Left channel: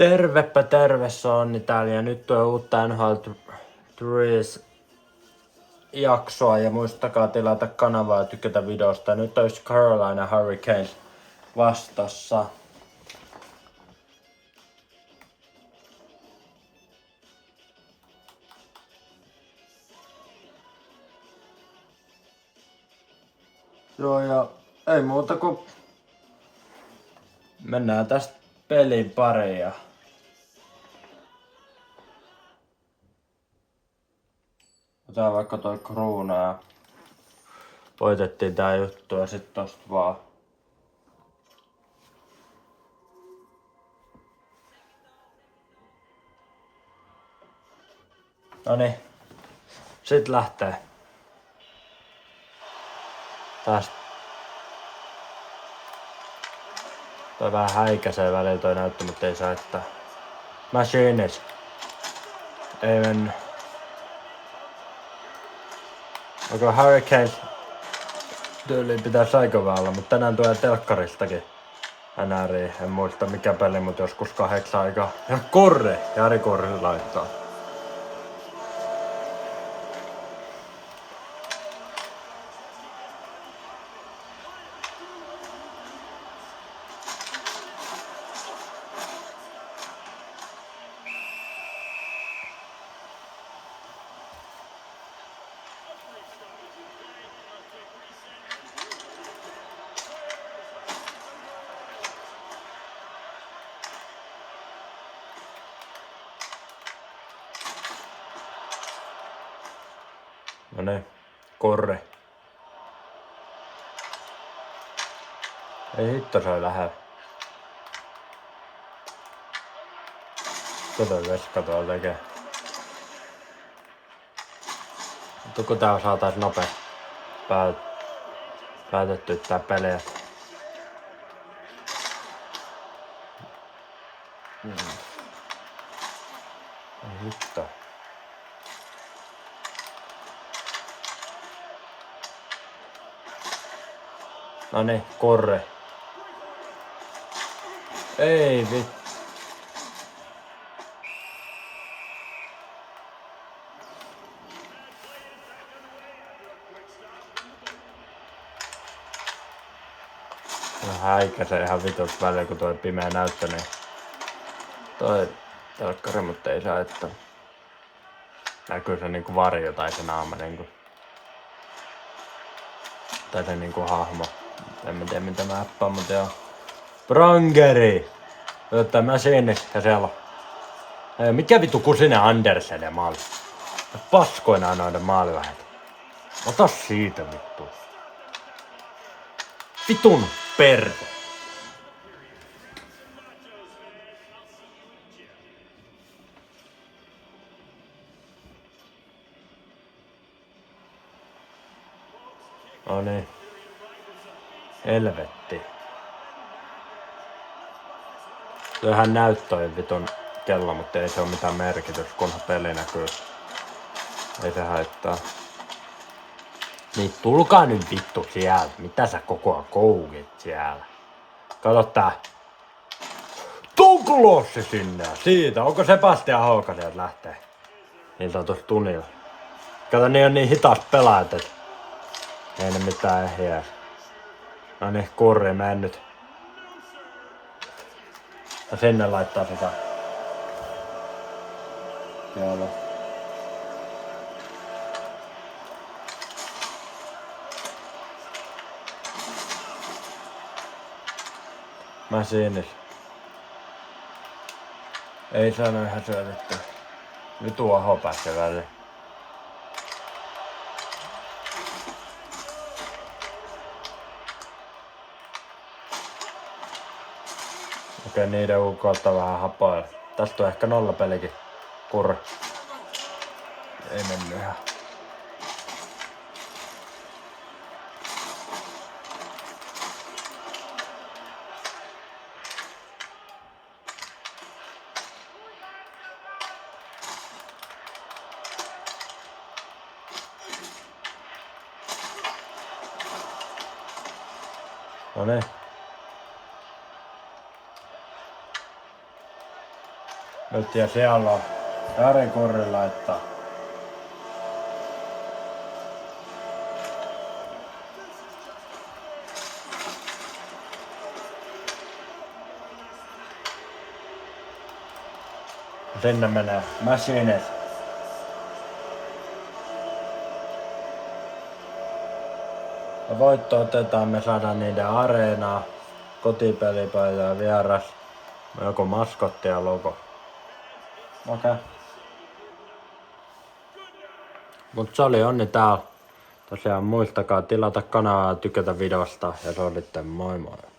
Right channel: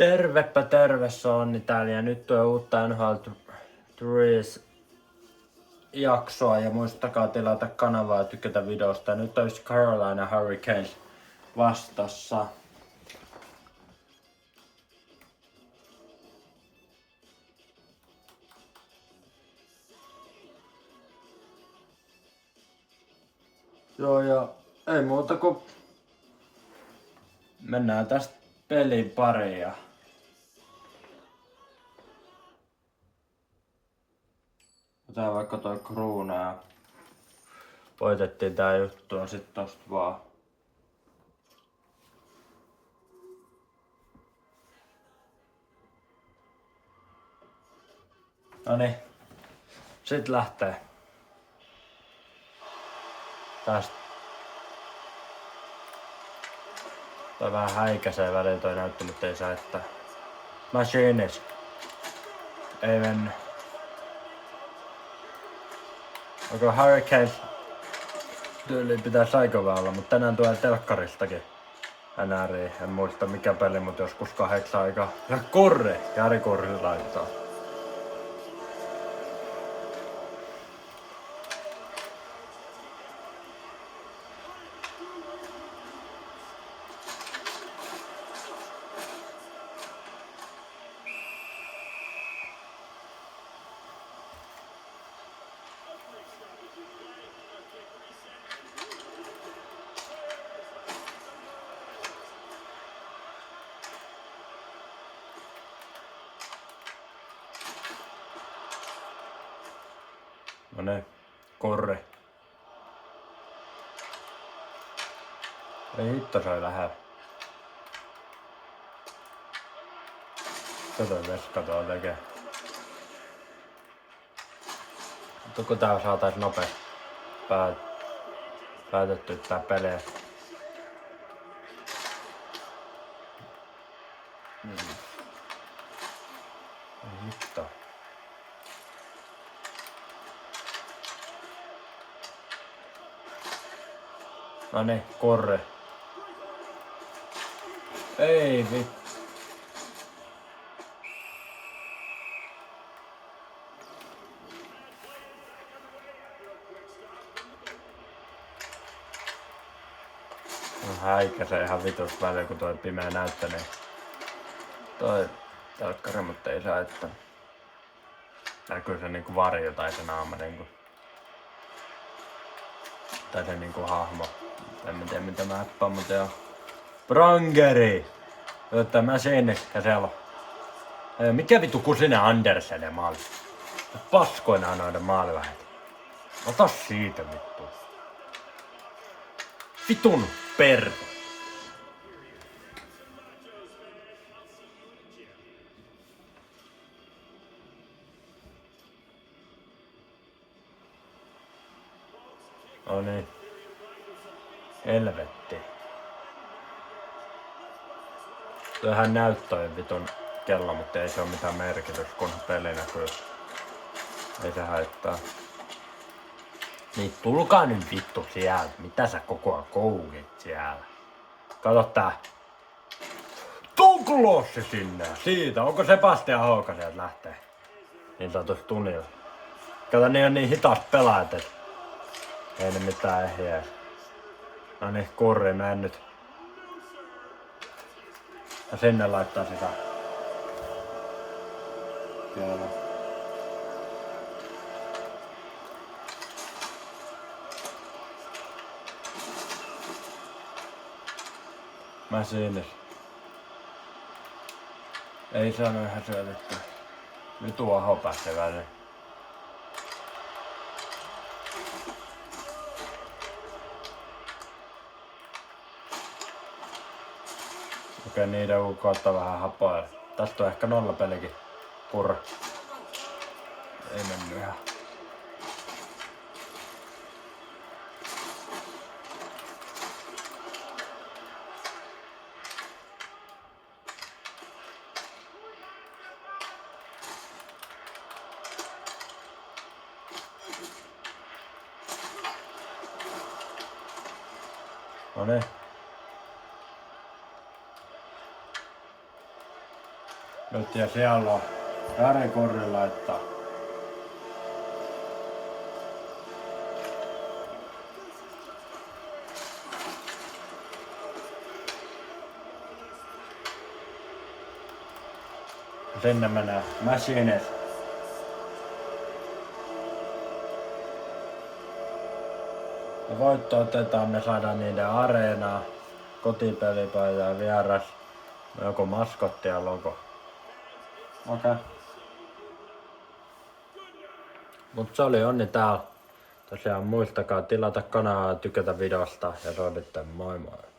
Tervepä terve, Sonni täällä ja nyt on uutta NHL Threes jaksoa ja muistakaa tilata kanavaa ja tykätä videosta. Nyt olisi Carolina Hurricanes vastassa. Joo ja ei muuta kuin mennään tästä pelin pariin. Otetaan vaikka toi kruuna ja voitettiin tää juttu ja sit tosta vaan. Noniin. Sit lähtee. Tästä. Toi vähän häikäisee väliin toi näyttö, mutta ei saa että. Machines. Ei mennyt. Joka Hurricanes tyyliin pitäis aika olla, mutta tänään tulee telkkaristakin NRI. En muista mikä peli, mutta joskus 8 aikaa. Ja Kurri! Jari Kurri laittaa. Noniin, Kurri. Ei hitto se lähde. Tota veska tuolla tekee. Mutta kun tää saatais nopeasti päätettyä tää peliä. Ei hitto. Noniin, Kurri. Ei vittu. Häikäsee ihan vitus väliin kun toi pimeä näyttö, niin toi telkkari, mutta ei saa että näkyy se niinku varjo tai se naama niinku. Tai se niinku hahmo. En tiedä mitä mä äppään, mutta joo. Brangeri! Ottaa Machines ja siellä on. Mikä vitu kusinen Andersen ja maali? Paskoina noiden maalivähät. Ota siitä vittu. Vitun per. No niin. Helvetti. Tuohan näyttää vitun kello, mutta ei se oo mitään merkitys, kun peli näkyy. Ei se haittaa. Niin tulkaa nyt vittu sieltä. Mitä sä koko ajan koukit siellä? Kato tää. Tuklossi sinne! Siitä. Onko Sebastian Hauka sieltä lähtee? Niiltä tuossa tunnilla. Kato ne on niin hitaasti pelaajat, et ei ne mitään ehjää. No niin, Kurri mennyt. No sinne laittaa sisään. Siellä. Machines. Ei sano ihan syödyttää. Vitu Aho pääsee väliin. Okei, niiden UK ottaa vähän hapoa. Tästä on ehkä 0 pelikin. Kurri. Ei mennyt ihan. No niin. Nyt ja siellä on Jari Korri laittaa. Sinne menee Machines. Ja voitto otetaan, me saadaan niiden areenaa, kotipelipäivä ja vieras, joku maskotti ja logo. Okei. Mut se oli onni täällä. Tosiaan muistakaa tilata kanavaa ja tykätä videosta ja se oli moi moi.